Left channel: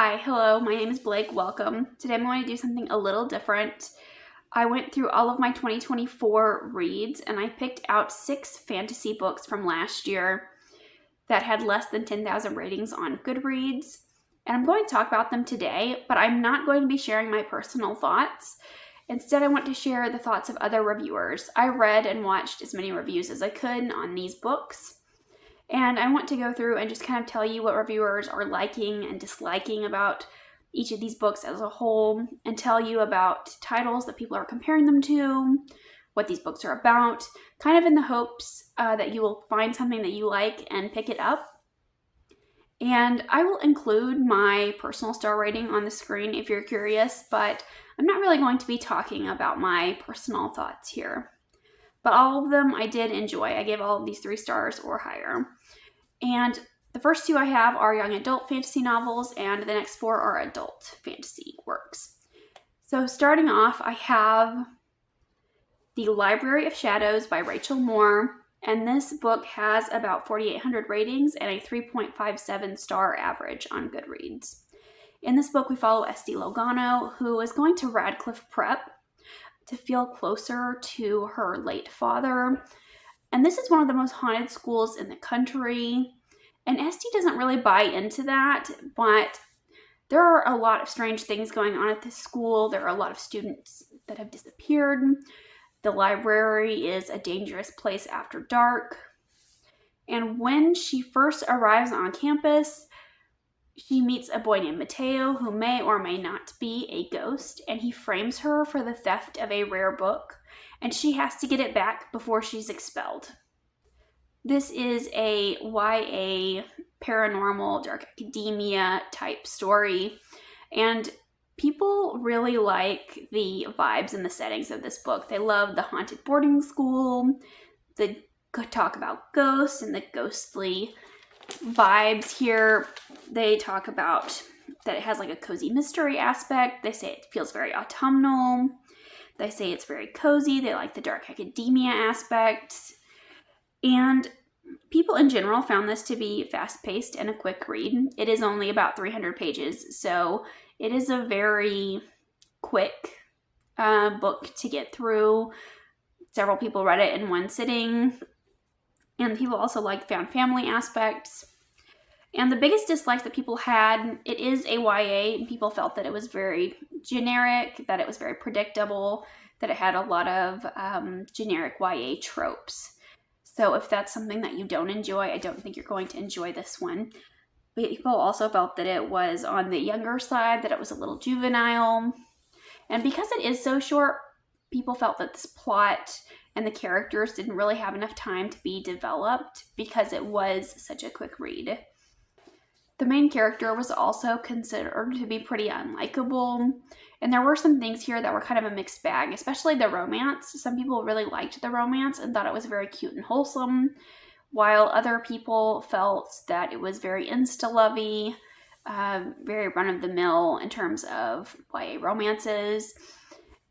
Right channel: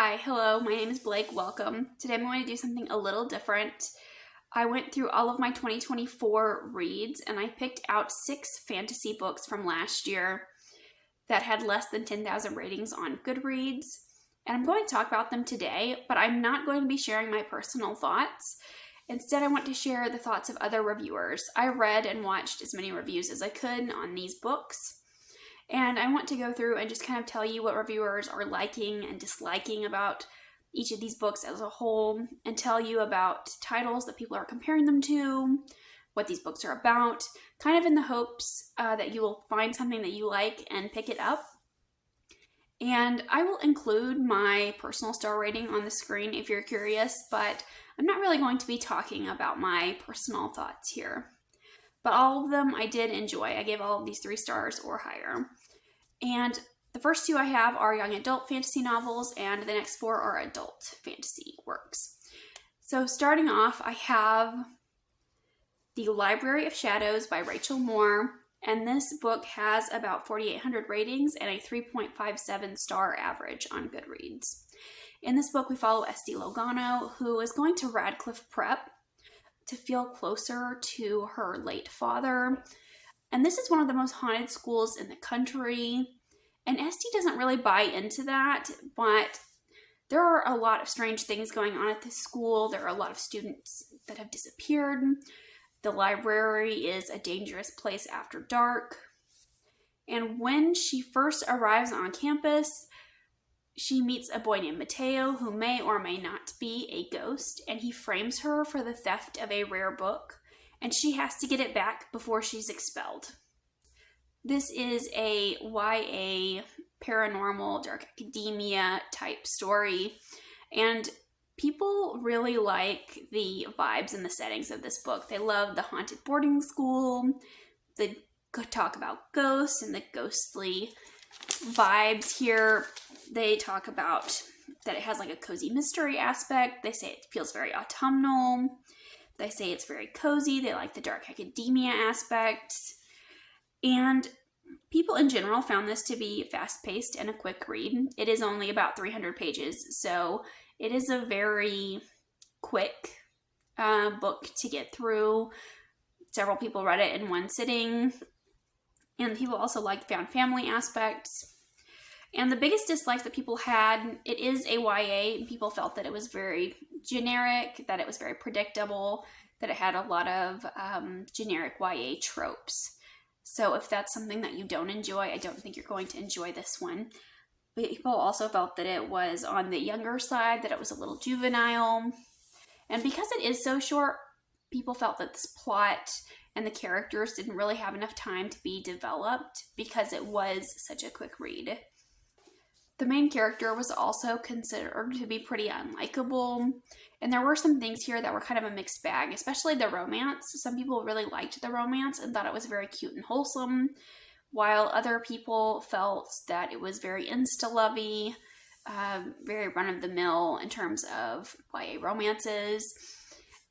Hi, hello, my name is Blake, welcome. Today I'm going to do something a little different. I went through all of my 2024 reads and I picked out 6 fantasy books from last year that had less than 10,000 ratings on Goodreads. And I'm going to talk about them today, but I'm not going to be sharing my personal thoughts. Instead, I want to share the thoughts of other reviewers. I read and watched as many reviews as I could on these books. And I want to go through and just kind of tell you what reviewers are liking and disliking about each of these books as a whole, and tell you about titles that people are comparing them to, what these books are about, kind of in the hopes that you will find something that you like and pick it up. And I will include my personal star rating on the screen if you're curious, but I'm not really going to be talking about my personal thoughts here. But all of them I did enjoy. I gave all of these 3 stars or higher. And the first 2 I have are young adult fantasy novels, and the next 4 are adult fantasy works. So starting off, I have The Library of Shadows by Rachel Moore, and this book has about 4,800 ratings and a 3.57 star average on Goodreads. In this book, we follow Esty Logano, who is going to Radcliffe Prep to feel closer to her late father. And this is one of the most haunted schools in the country. And Esty doesn't really buy into that, but there are a lot of strange things going on at this school. There are a lot of students that have disappeared. The library is a dangerous place after dark. And when she first arrives on campus, she meets a boy named Mateo who may or may not be a ghost, and he frames her for the theft of a rare book, and she has to get it back before she's expelled. This is a YA paranormal, dark academia type story, and people really like the vibes and the settings of this book. They love the haunted boarding school, the talk about ghosts and the ghostly vibes here. They talk about that it has like a cozy mystery aspect. They say it feels very autumnal. They say it's very cozy. They like the dark academia aspect. And people in general found this to be fast-paced and a quick read. It is only about 300 pages, so it is a very quick book to get through. Several people read it in one sitting. And people also like found family aspects. And the biggest dislikes that people had, it is a YA, and people felt that it was very generic, that it was very predictable, that it had a lot of generic YA tropes. So if that's something that you don't enjoy, I don't think you're going to enjoy this one. People also felt that it was on the younger side, that it was a little juvenile. And because it is so short, people felt that this plot and the characters didn't really have enough time to be developed because it was such a quick read. The main character was also considered to be pretty unlikable, and there were some things here that were kind of a mixed bag, especially the romance. Some people really liked the romance and thought it was very cute and wholesome, while other people felt that it was very insta-lovey, very run-of-the-mill in terms of YA romances.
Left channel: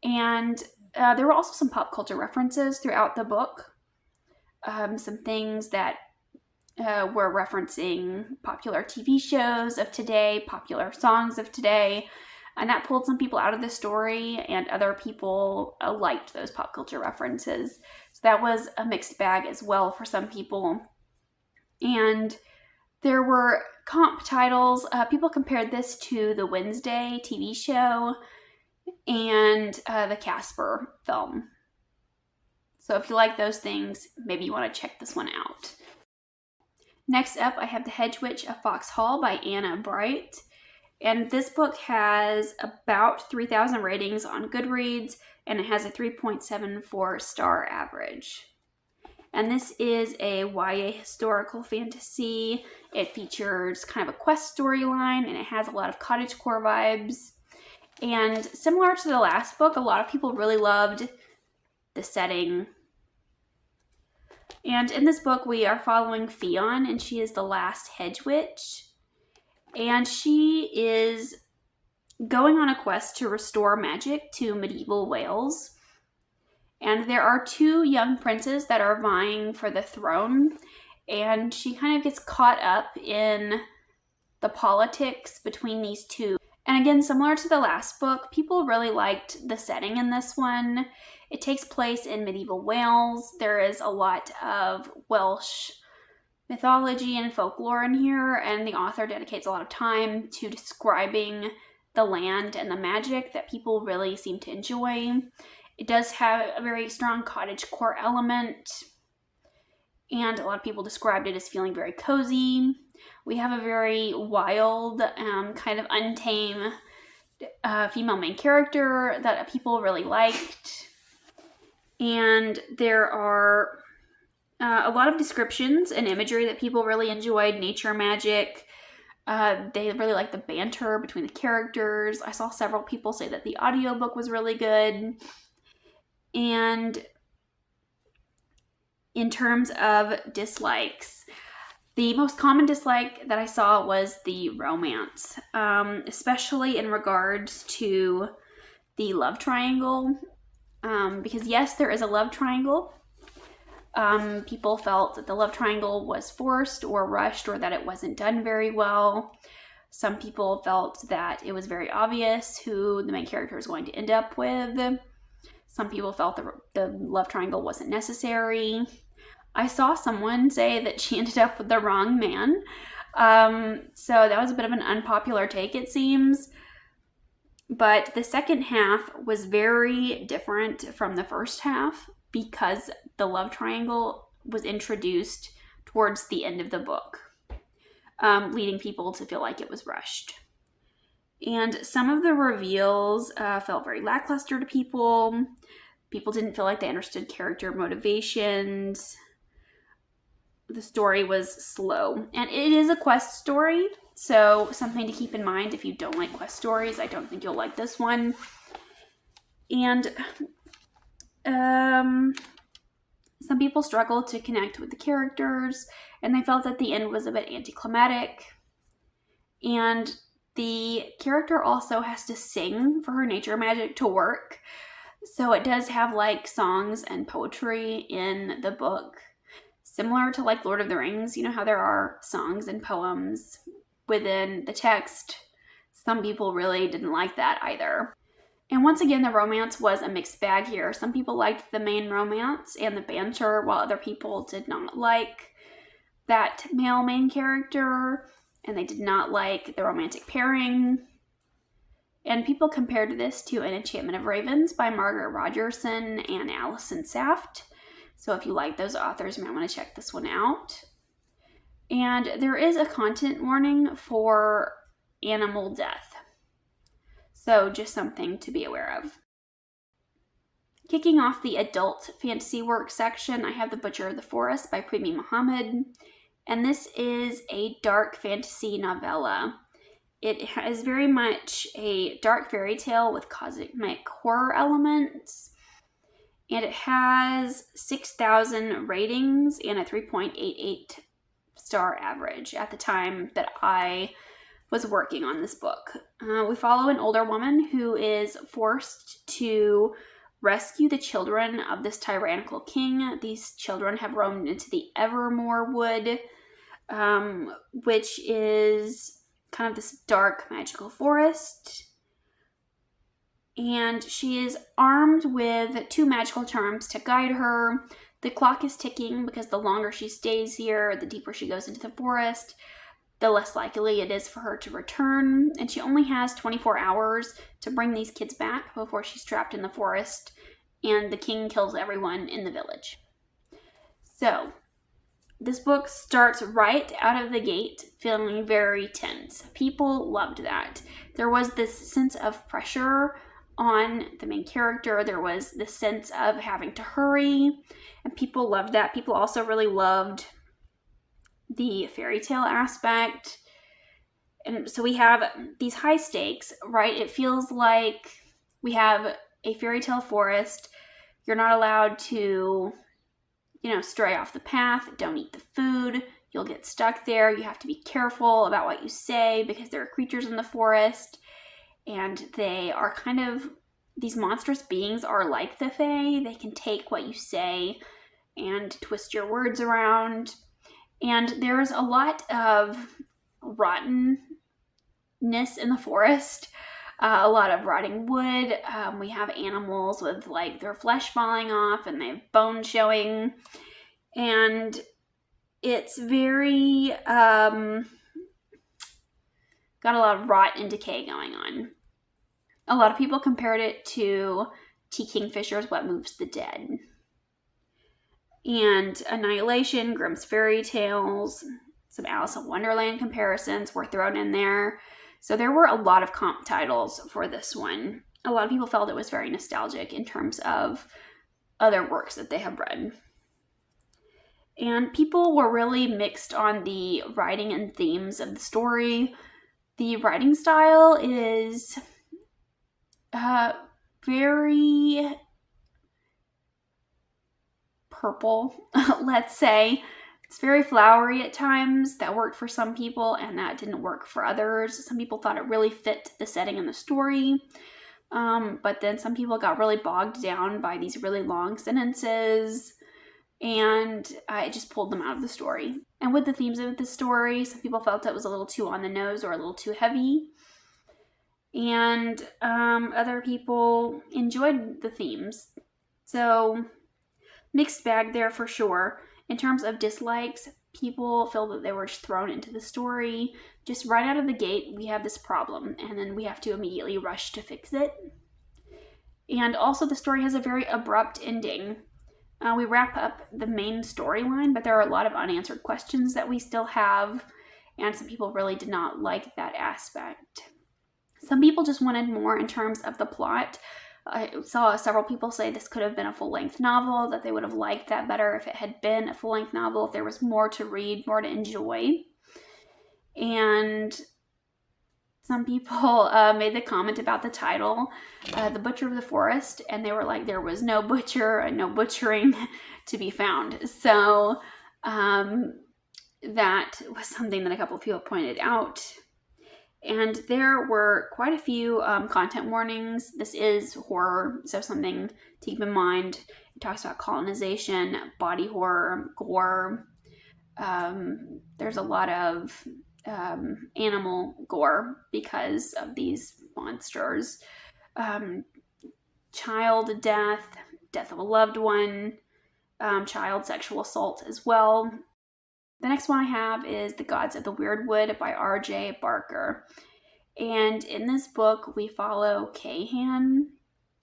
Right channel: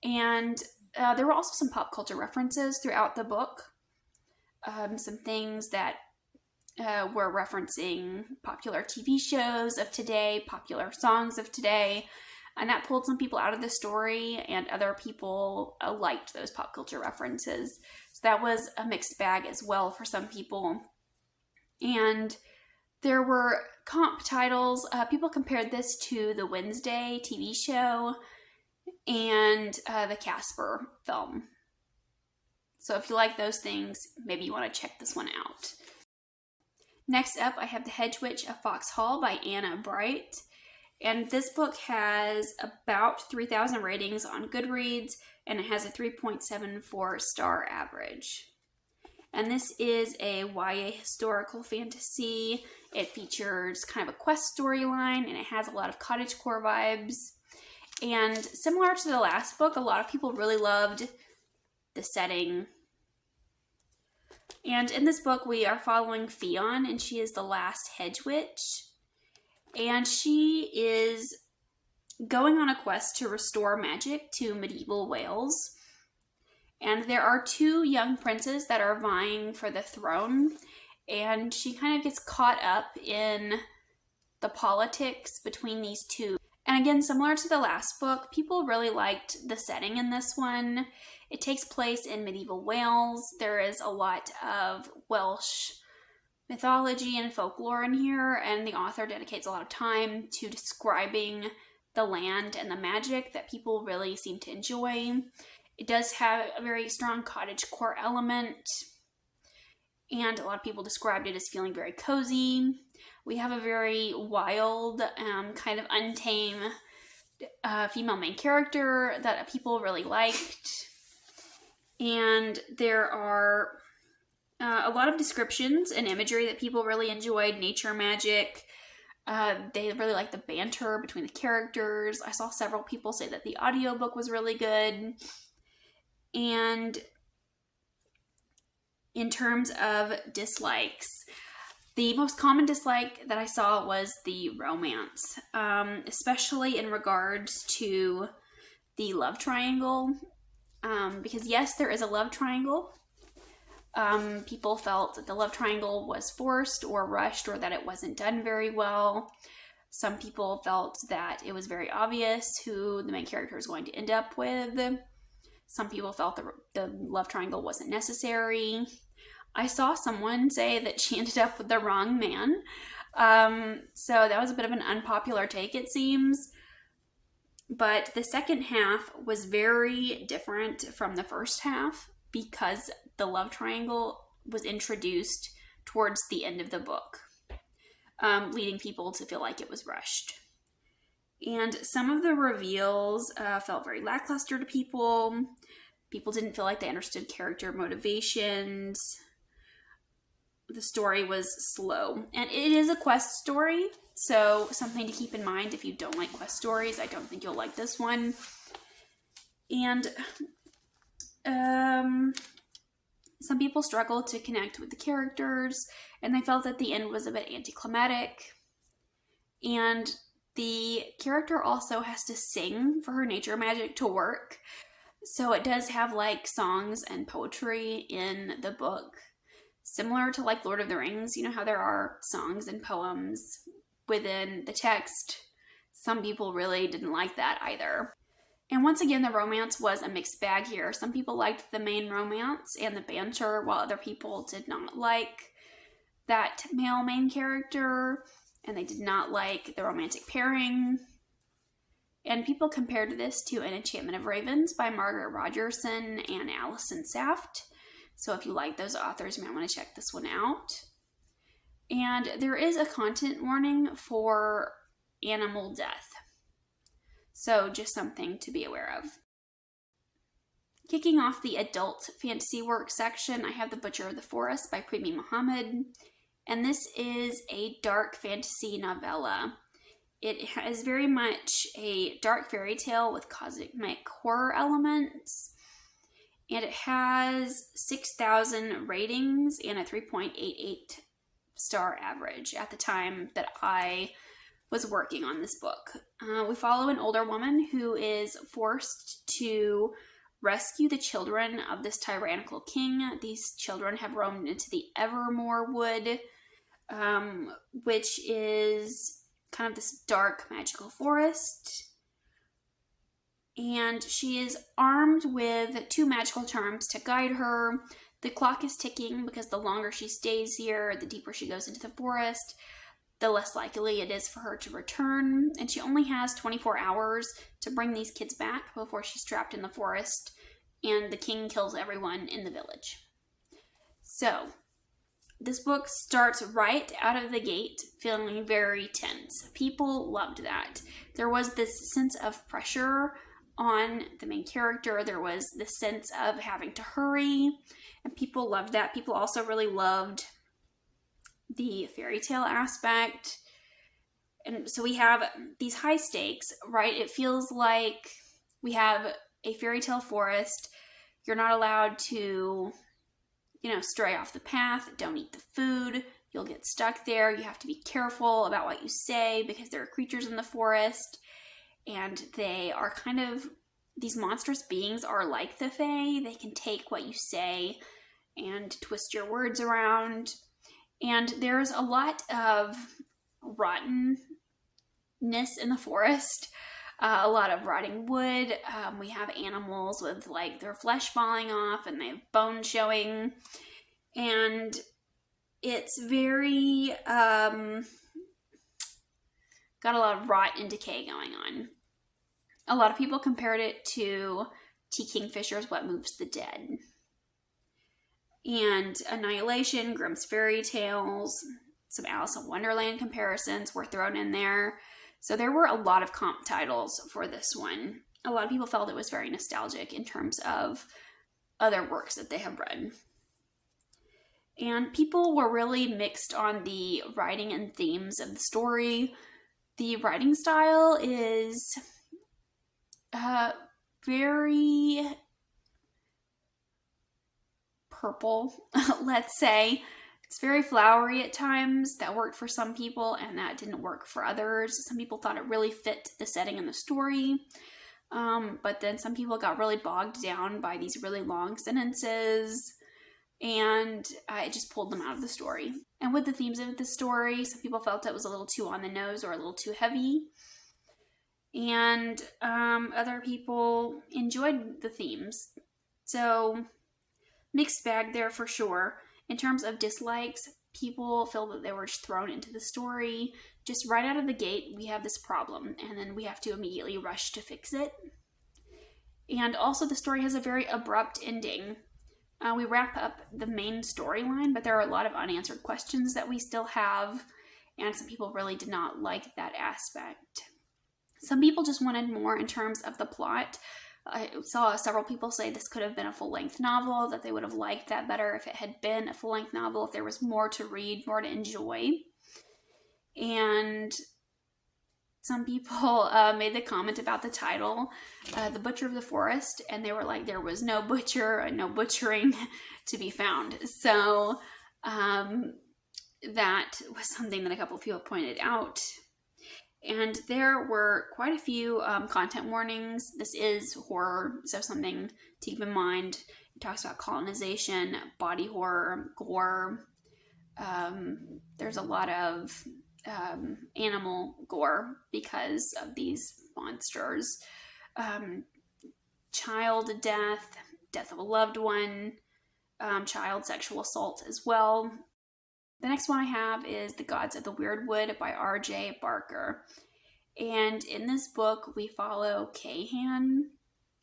And there were also some pop culture references throughout the book. Some things that were referencing popular TV shows of today, popular songs of today, and that pulled some people out of the story, and other people liked those pop culture references. So that was a mixed bag as well for some people. And there were comp titles. People compared this to the Wednesday TV show and the Casper film. So if you like those things, maybe you want to check this one out. Next up, I have The Hedge of Foxhall by Anna Bright. And this book has about 3,000 ratings on Goodreads, and it has a 3.74 star average. And this is a YA historical fantasy. It features kind of a quest storyline, and it has a lot of cottagecore vibes. And similar to the last book, a lot of people really loved the setting. And in this book, we are following Fionn, and she is the last Hedge Witch. And she is going on a quest to restore magic to medieval Wales. And there are 2 young princes that are vying for the throne. And she kind of gets caught up in the politics between these two. And again, similar to the last book, people really liked the setting in this one. It takes place in medieval Wales. There is a lot of Welsh mythology and folklore in here, and the author dedicates a lot of time to describing the land and the magic that people really seem to enjoy. It does have a very strong cottagecore element, and a lot of people described it as feeling very cozy. We have a very wild, kind of untamed female main character that people really liked. And there are a lot of descriptions and imagery that people really enjoyed. Nature magic. They really liked the banter between the characters. I saw several people say that the audiobook was really good. And in terms of dislikes, the most common dislike that I saw was the romance, especially in regards to the love triangle. Because yes, there is a love triangle. People felt that the love triangle was forced or rushed, or that it wasn't done very well. Some people felt that it was very obvious who the main character is going to end up with. Some people felt the love triangle wasn't necessary. I saw someone say that she ended up with the wrong man. So that was a bit of an unpopular take, it seems. But the second half was very different from the first half because the love triangle was introduced towards the end of the book, leading people to feel like it was rushed. And some of the reveals felt very lackluster to people. People didn't feel like they understood character motivations. The story was slow. And it is a quest story, so something to keep in mind if you don't like quest stories. I don't think you'll like this one. And some people struggled to connect with the characters, and they felt that the end was a bit anticlimactic. And the character also has to sing for her nature magic to work. So it does have like songs and poetry in the book. Similar to like Lord of the Rings, you know how there are songs and poems within the text. Some people really didn't like that either. And once again, the romance was a mixed bag here. Some people liked the main romance and the banter, while other people did not like that male main character, and they did not like the romantic pairing. And people compared this to An Enchantment of Ravens by Margaret Rogerson and Alison Saft. So if you like those authors, you might want to check this one out. And there is a content warning for animal death. So just something to be aware of. Kicking off the adult fantasy work section, I have The Butcher of the Forest by Premi Muhammad. And this is a dark fantasy novella. It is very much a dark fairy tale with cosmic horror elements. And it has 6,000 ratings and a 3.88 star average at the time that I was working on this book. We follow an older woman who is forced to rescue the children of this tyrannical king. These children have roamed into the Evermore Wood, which is kind of this dark magical forest. And she is armed with 2 magical charms to guide her. The clock is ticking because the longer she stays here, the deeper she goes into the forest, the less likely it is for her to return. And she only has 24 hours to bring these kids back before she's trapped in the forest and the king kills everyone in the village. So, this book starts right out of the gate feeling very tense. People loved that. There was this sense of pressure on the main character. There was this sense of having to hurry, and people loved that. People also really loved the fairy tale aspect. And so we have these high stakes, right? It feels like we have a fairy tale forest. You're not allowed to, stray off the path. Don't eat the food. You'll get stuck there. You have to be careful about what you say because there are creatures in the forest. And they are these monstrous beings are like the Fae. They can take what you say and twist your words around. And there's a lot of rottenness in the forest. A lot of rotting wood. We have animals with like their flesh falling off and they have bones showing. And it's very, got a lot of rot and decay going on. A lot of people compared it to T. Kingfisher's What Moves the Dead. And Annihilation, Grimm's Fairy Tales, some Alice in Wonderland comparisons were thrown in there. So there were a lot of comp titles for this one. A lot of people felt it was very nostalgic in terms of other works that they have read. And people were really mixed on the writing and themes of the story. The writing style is very purple, let's say. It's very flowery at times. That worked for some people and that didn't work for others. Some people thought it really fit the setting and the story. But then some people got really bogged down by these really long sentences and it just pulled them out of the story. And with the themes of the story, some people felt it was a little too on the nose or a little too heavy. And other people enjoyed the themes. So mixed bag there for sure. In terms of dislikes, people feel that they were just thrown into the story. Just right out of the gate, we have this problem, and then we have to immediately rush to fix it. And also the story has a very abrupt ending. We wrap up the main storyline, but there are a lot of unanswered questions that we still have, and some people really did not like that aspect. Some people just wanted more in terms of the plot. I saw several people say this could have been a full-length novel, that they would have liked that better if it had been a full-length novel, if there was more to read, more to enjoy. And some people made the comment about the title, The Butcher of the Forest, and they were like, there was no butcher and no butchering to be found. So that was something that a couple of people pointed out. And there were quite a few content warnings. This is horror, so something to keep in mind. It talks about colonization, body horror, gore. There's a lot of animal gore because of these monsters. Child death, death of a loved one, child sexual assault as well. The next one I have is The Gods of the Wyrdwood by R.J. Barker. And in this book, we follow Kahan.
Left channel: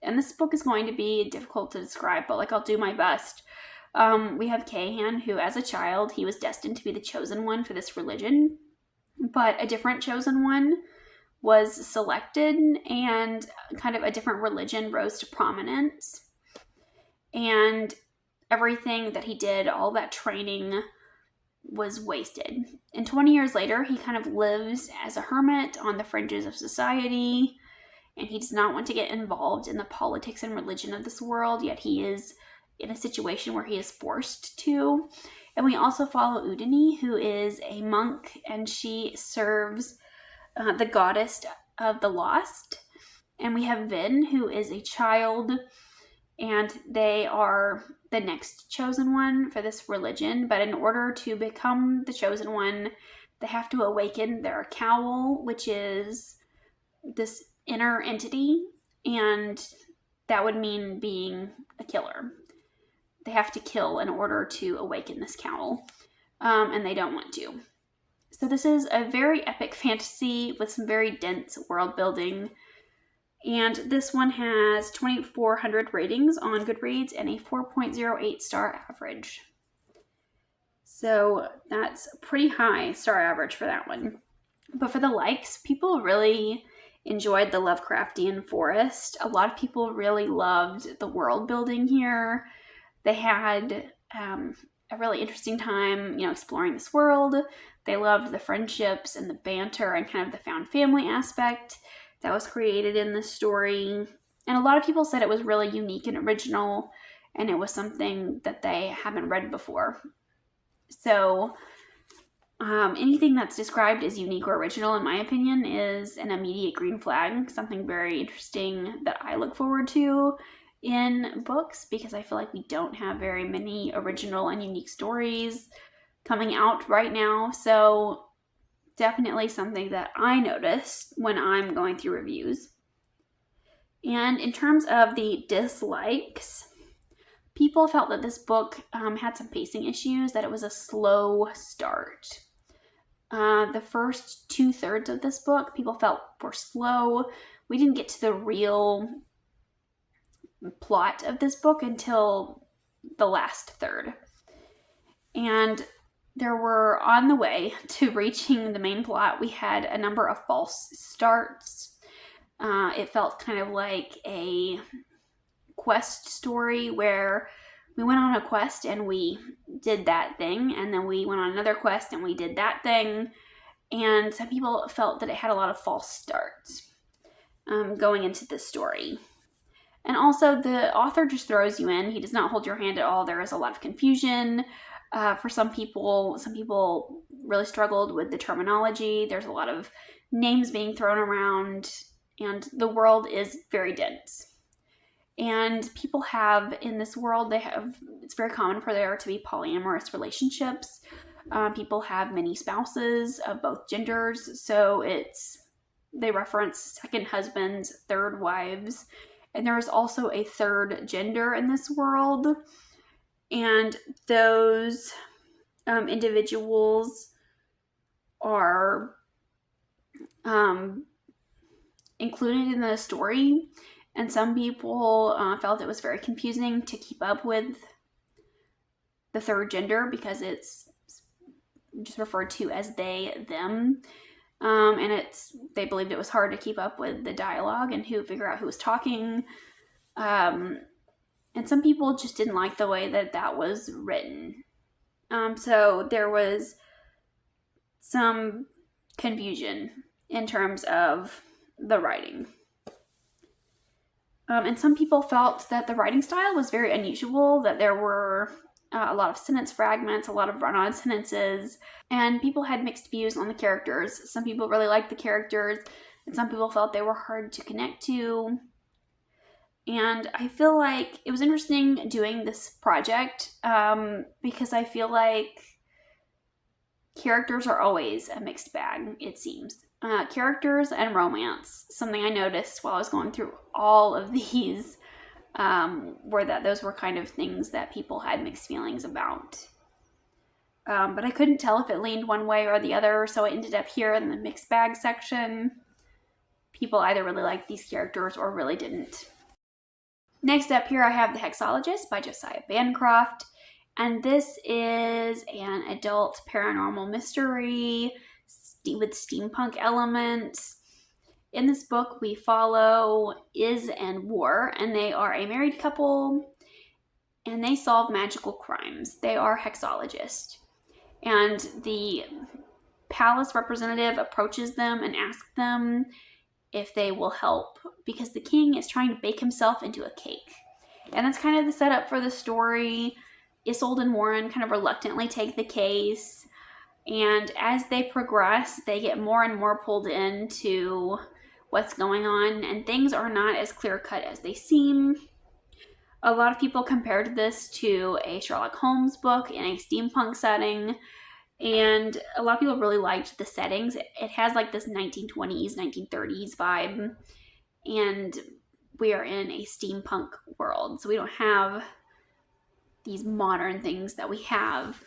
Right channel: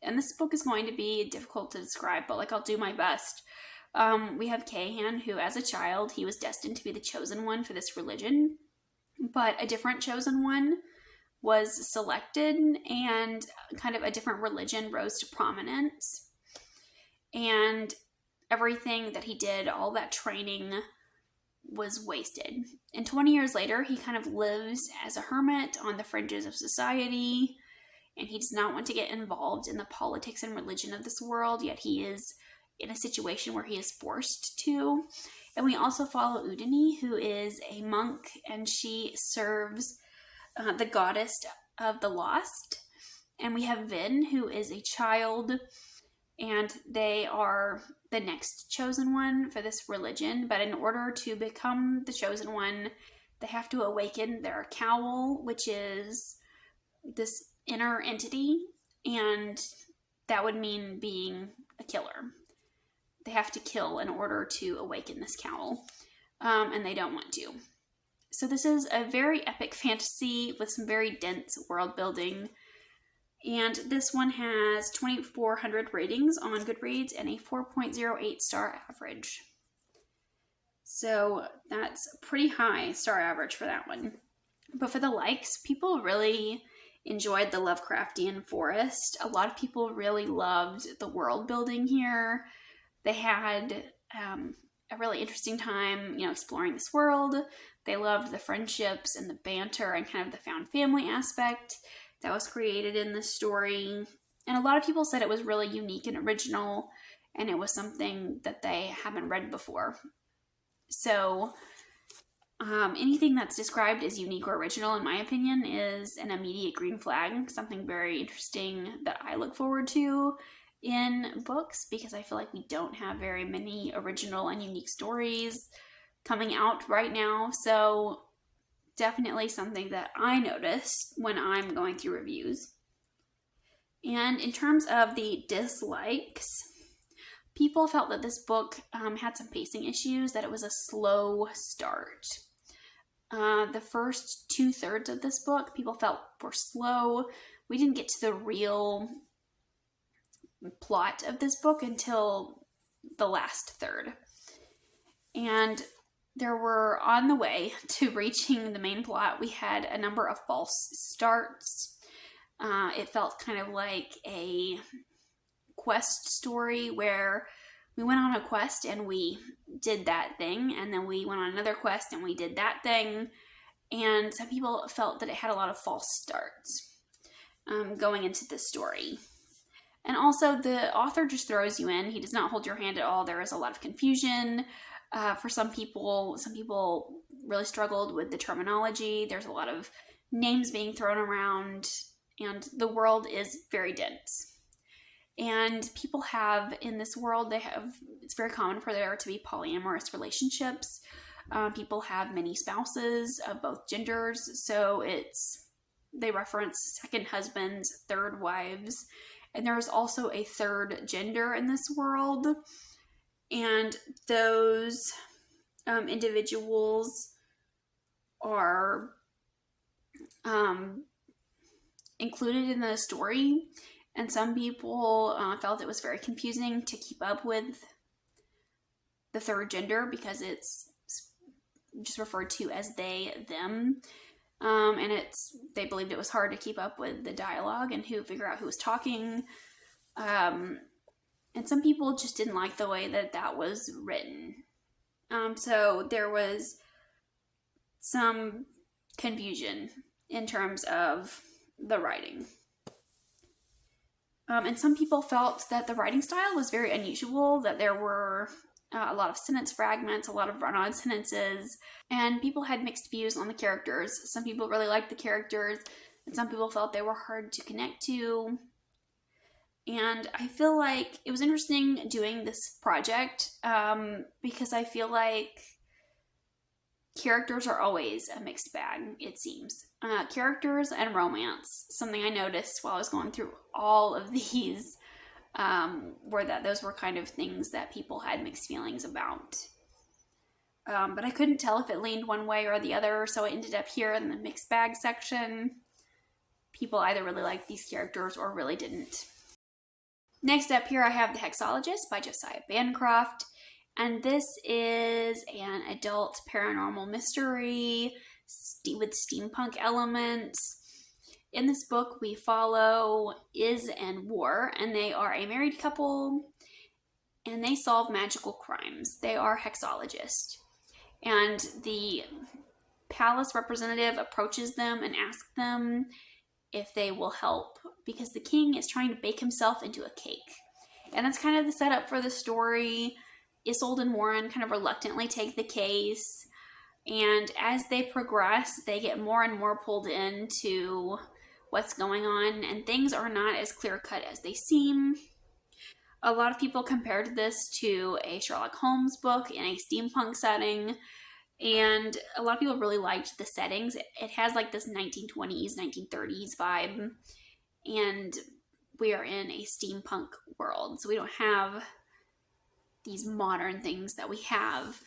And this book is going to be difficult to describe, but like I'll do my best. We have Kahan, who as a child, he was destined to be the chosen one for this religion. But a different chosen one was selected and kind of a different religion rose to prominence. And everything that he did, all that training was wasted. And 20 years later, he kind of lives as a hermit on the fringes of society, and he does not want to get involved in the politics and religion of this world, yet he is in a situation where he is forced to. And we also follow Udini, who is a monk, and she serves the goddess of the lost. And we have Vin, who is a child, and they are the next chosen one for this religion. But in order to become the chosen one, they have to awaken their cowl, which is this inner entity, and that would mean being a killer. They have to kill in order to awaken this cowl, and they don't want to. So this is a very epic fantasy with some very dense world building. And this one has 2,400 ratings on Goodreads and a 4.08 star average. So that's a pretty high star average for that one. But for the likes, people really enjoyed the Lovecraftian forest. A lot of people really loved the world building here. They had a really interesting time, exploring this world. They loved the friendships and the banter and kind of the found family aspect that was created in this story. And a lot of people said it was really unique and original, and it was something that they haven't read before. So anything that's described as unique or original, in my opinion, is an immediate green flag, something very interesting that I look forward to in books, because I feel like we don't have very many original and unique stories coming out right now. So definitely something that I noticed when I'm going through reviews. And in terms of the dislikes, people felt that this book had some pacing issues, that it was a slow start. The first 2/3 of this book, people felt were slow. We didn't get to the real plot of this book until the last third. And there were, on the way to reaching the main plot, we had a number of false starts. It felt kind of like a quest story where we went on a quest and we did that thing, and then we went on another quest and we did that thing. And some people felt that it had a lot of false starts going into this story. And also, the author just throws you in. He does not hold your hand at all. There is a lot of confusion. For some people really struggled with the terminology. There's a lot of names being thrown around, and the world is very dense. And people have, in this world, it's very common for there to be polyamorous relationships. People have many spouses of both genders, so they reference second husbands, third wives, and there is also a third gender in this world, and those individuals are included in the story, and some people felt it was very confusing to keep up with the third gender because it's just referred to as they, them. And they believed it was hard to keep up with the dialogue and figure out who was talking. And some people just didn't like the way that was written. So there was some confusion in terms of the writing. And some people felt that the writing style was very unusual, that there were a lot of sentence fragments, a lot of run-on sentences, and people had mixed views on the characters. Some people really liked the characters, and some people felt they were hard to connect to. And I feel like it was interesting doing this project because I feel like characters are always a mixed bag, it seems. Characters and romance, something I noticed while I was going through all of these, those were kind of things that people had mixed feelings about. But I couldn't tell if it leaned one way or the other, so I ended up here in the mixed bag section. People either really liked these characters or really didn't. Next up here I have The Hexologists by Josiah Bancroft, and this is an adult paranormal mystery with steampunk elements. In this book, we follow Iz and War, and they are a married couple, and they solve magical crimes. They are hexologists. And the palace representative approaches them and asks them if they will help, because the king is trying to bake himself into a cake. And that's kind of the setup for the story. Isolde and Warren kind of reluctantly take the case, and as they progress, they get more and more pulled into what's going on, and things are not as clear-cut as they seem. A lot of people compared this to a Sherlock Holmes book in a steampunk setting, and a lot of people really liked the settings. It has like this 1920s, 1930s vibe, and we are in a steampunk world, so we don't have these modern things that we have.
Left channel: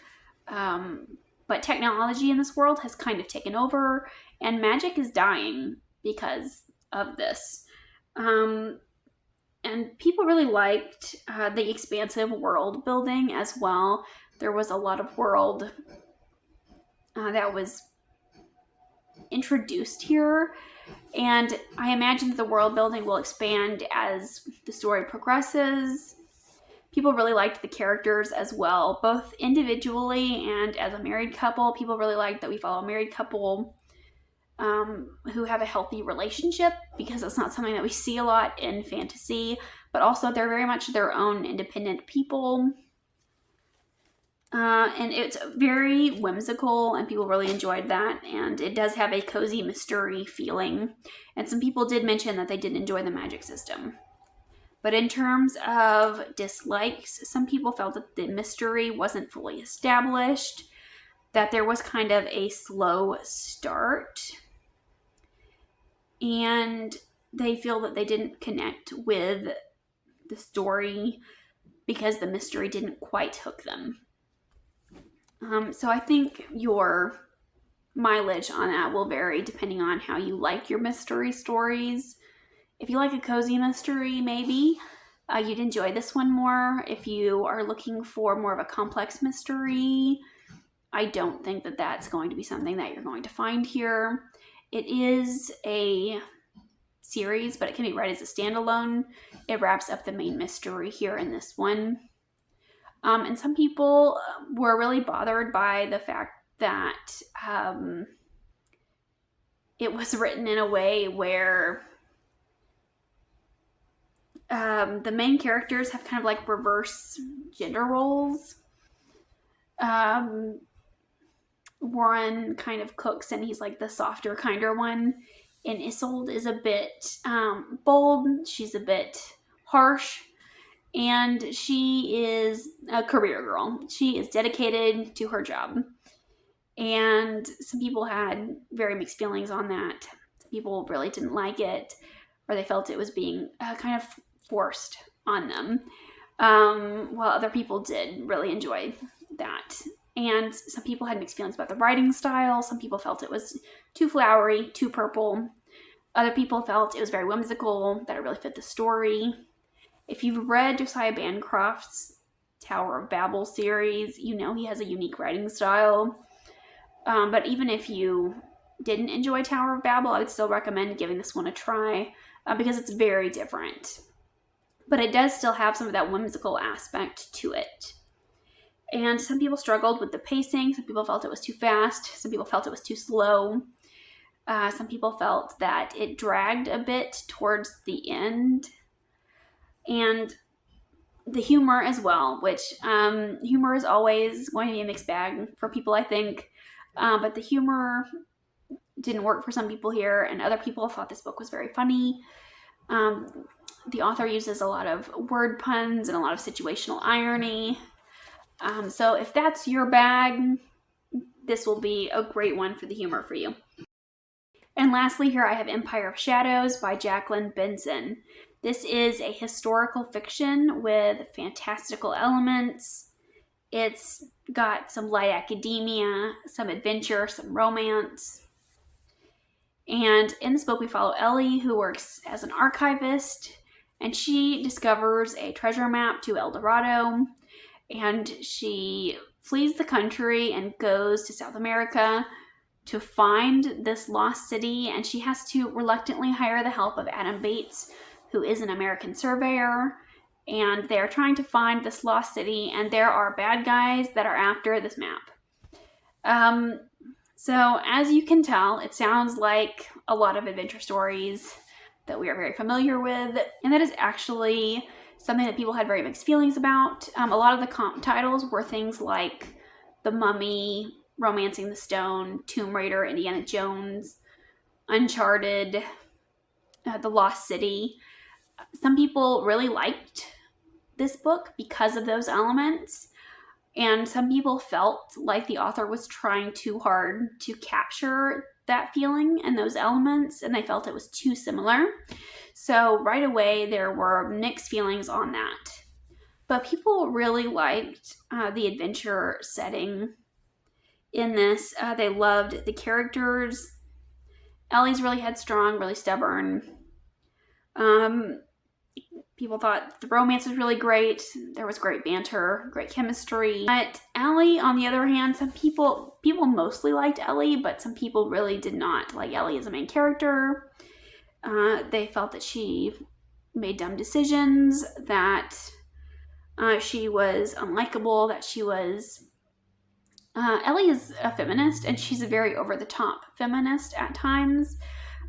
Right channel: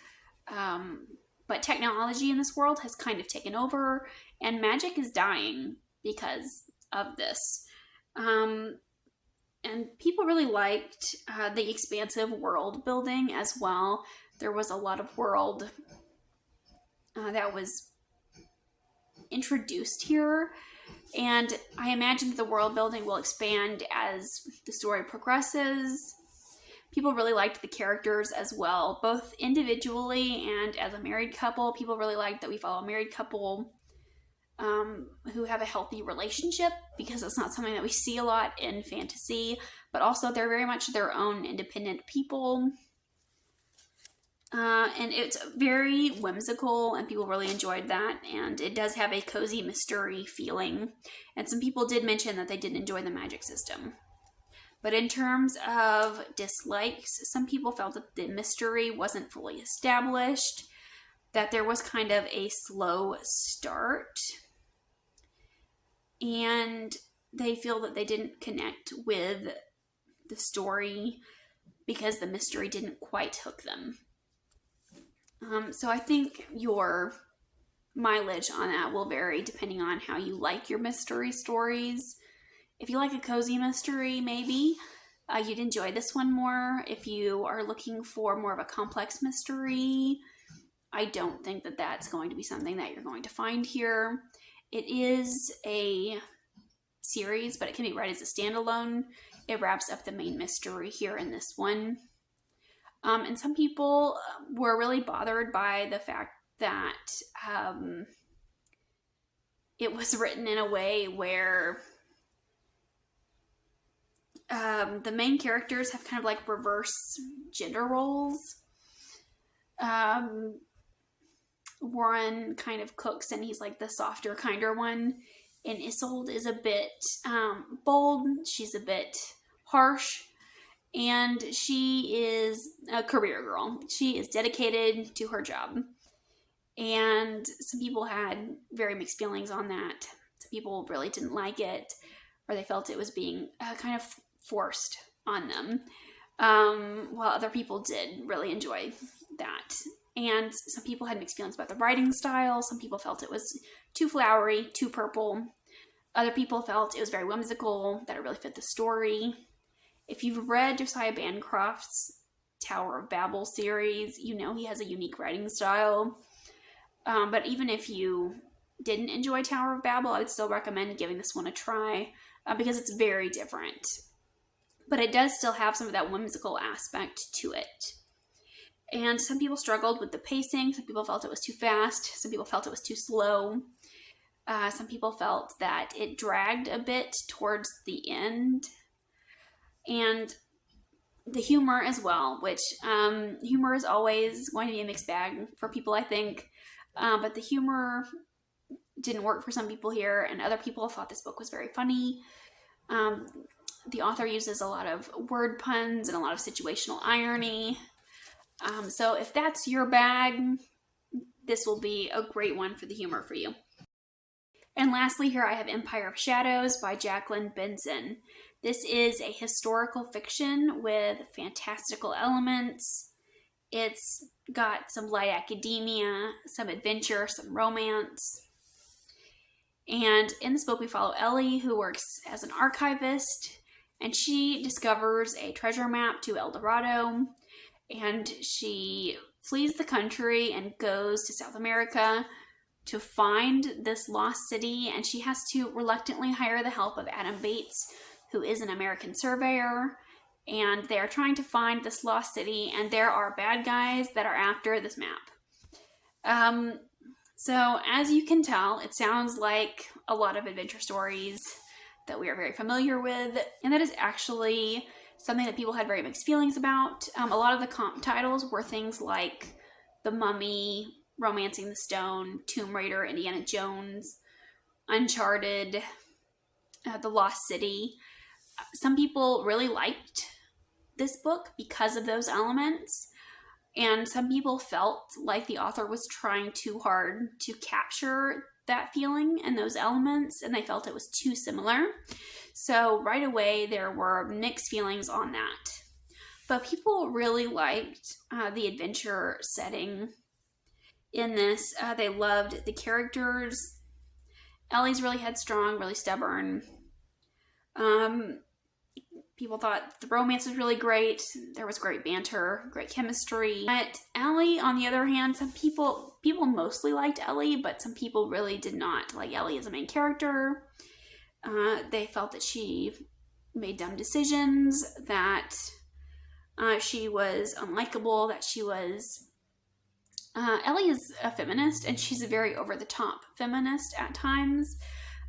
But technology in this world has kind of taken over, and magic is dying because of this. And people really liked the expansive world building as well. There was a lot of world that was introduced here, and I imagine that the world building will expand as the story progresses. People really liked the characters as well, both individually and as a married couple. People really liked that we follow a married couple who have a healthy relationship, because that's not something that we see a lot in fantasy, but also they're very much their own independent people. And it's very whimsical, and people really enjoyed that, and it does have a cozy mystery feeling, and some people did mention that they did enjoy the magic system. But in terms of dislikes, some people felt that the mystery wasn't fully established. that there was kind of a slow start, and they feel that they didn't connect with the story because the mystery didn't quite hook them. So I think your mileage on that will vary depending on how you like your mystery stories. If you like a cozy mystery, maybe you'd enjoy this one more. If you are looking for more of a complex mystery, I don't think that that's going to be something that you're going to find here. It is a series, but it can be read as a standalone. It wraps up the main mystery here in this one. And some people were really bothered by the fact that it was written in a way where the main characters have kind of like reverse gender roles. Warren kind of cooks and he's like the softer, kinder one. And Isolde is a bit bold. She's a bit harsh. And she is a career girl. She is dedicated to her job. And some people had very mixed feelings on that. Some people really didn't like it, or they felt it was being kind of forced on them, while other people did really enjoy that. And some people had mixed feelings about the writing style. Some people felt it was too flowery, too purple. Other people felt it was very whimsical, that it really fit the story. If you've read Josiah Bancroft's Tower of Babel series, you know he has a unique writing style. But even if you didn't enjoy Tower of Babel, I would still recommend giving this one a try because it's very different. But it does still have some of that whimsical aspect to it. And some people struggled with the pacing. Some people felt it was too fast. Some people felt it was too slow. Some people felt that it dragged a bit towards the end. And the humor as well, which humor is always going to be a mixed bag for people, I think. But the humor didn't work for some people here, and other people thought this book was very funny. The author uses a lot of word puns and a lot of situational irony. So if that's your bag, this will be a great one for the humor for you. And lastly, here I have Empire of Shadows by Jacqueline Benson. This is a historical fiction with fantastical elements. It's got some light academia, some adventure, some romance. And in this book, we follow Ellie, who works as an archivist, and she discovers a treasure map to El Dorado, and she flees the country and goes to South America to find this lost city, and she has to reluctantly hire the help of Adam Bates, who is an American surveyor, and they're trying to find this lost city, and there are bad guys that are after this map. So as you can tell, it sounds like a lot of adventure stories that we are very familiar with, and that is actually something that people had very mixed feelings about. A lot of the comp titles were things like The Mummy, Romancing the Stone, Tomb Raider, Indiana Jones, Uncharted, The Lost City. Some people really liked this book because of those elements, and some people felt like the author was trying too hard to capture that feeling and those elements, and they felt it was too similar. So right away, there were mixed feelings on that. But people really liked the adventure setting in this. They loved the characters. Ellie's really headstrong, really stubborn. People thought the romance was really great. There was great banter, great chemistry. But Ellie, on the other hand, some people mostly liked Ellie, but some people really did not like Ellie as a main character. They felt that she made dumb decisions, that she was unlikable, that she was... Ellie is a feminist, and she's a very over-the-top feminist at times,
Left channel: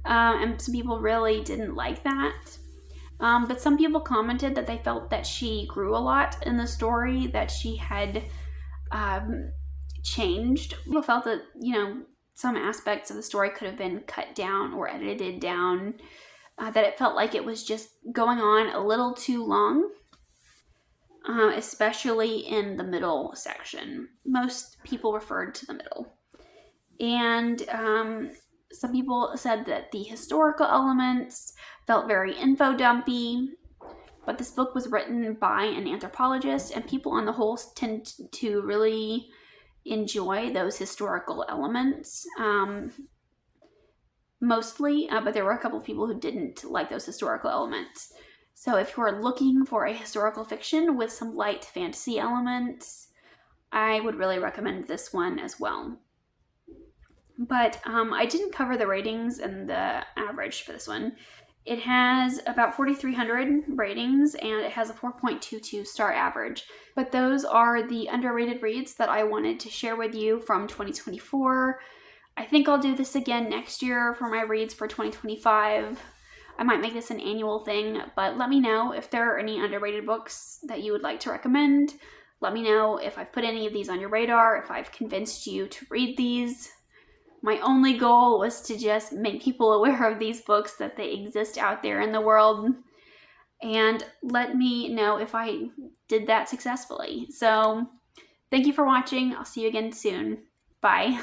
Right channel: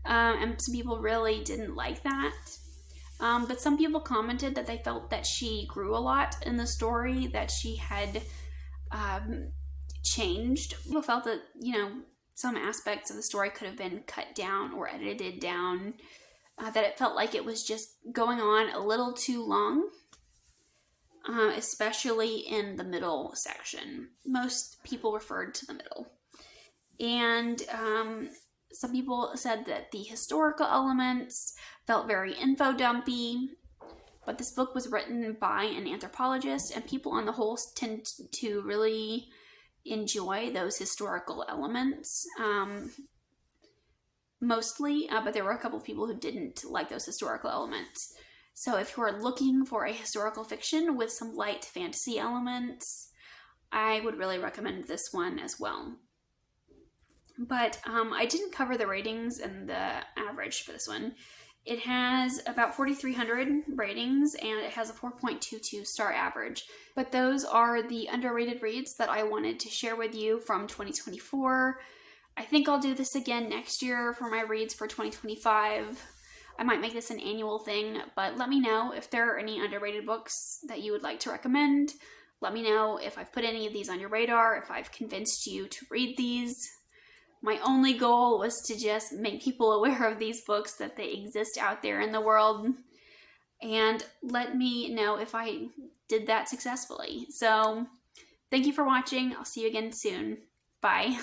and some people really didn't like that. But some people commented that they felt that she grew a lot in the story, that she had changed. People felt that, some aspects of the story could have been cut down or edited down, that it felt like it was just going on a little too long. especially in the middle section. Most people referred to the middle. And some people said that the historical elements felt very info dumpy, but this book was written by an anthropologist, and people on the whole tend to really enjoy those historical elements mostly, but there were a couple of people who didn't like those historical elements. So if you are looking for a historical fiction with some light fantasy elements, I would really recommend this one as well. But I didn't cover the ratings and the average for this one. It has about 4,300 ratings and it has a 4.22 star average. But those are the underrated reads that I wanted to share with you from 2024. I think I'll do this again next year for my reads for 2025. I might make this an annual thing, but let me know if there are any underrated books that you would like to recommend. Let me know if I've put any of these on your radar, if I've convinced you to read these. My only goal was to just make people aware of these books, that they exist out there in the world, and let me know if I did that successfully. So, thank you for watching. I'll see you again soon. Bye.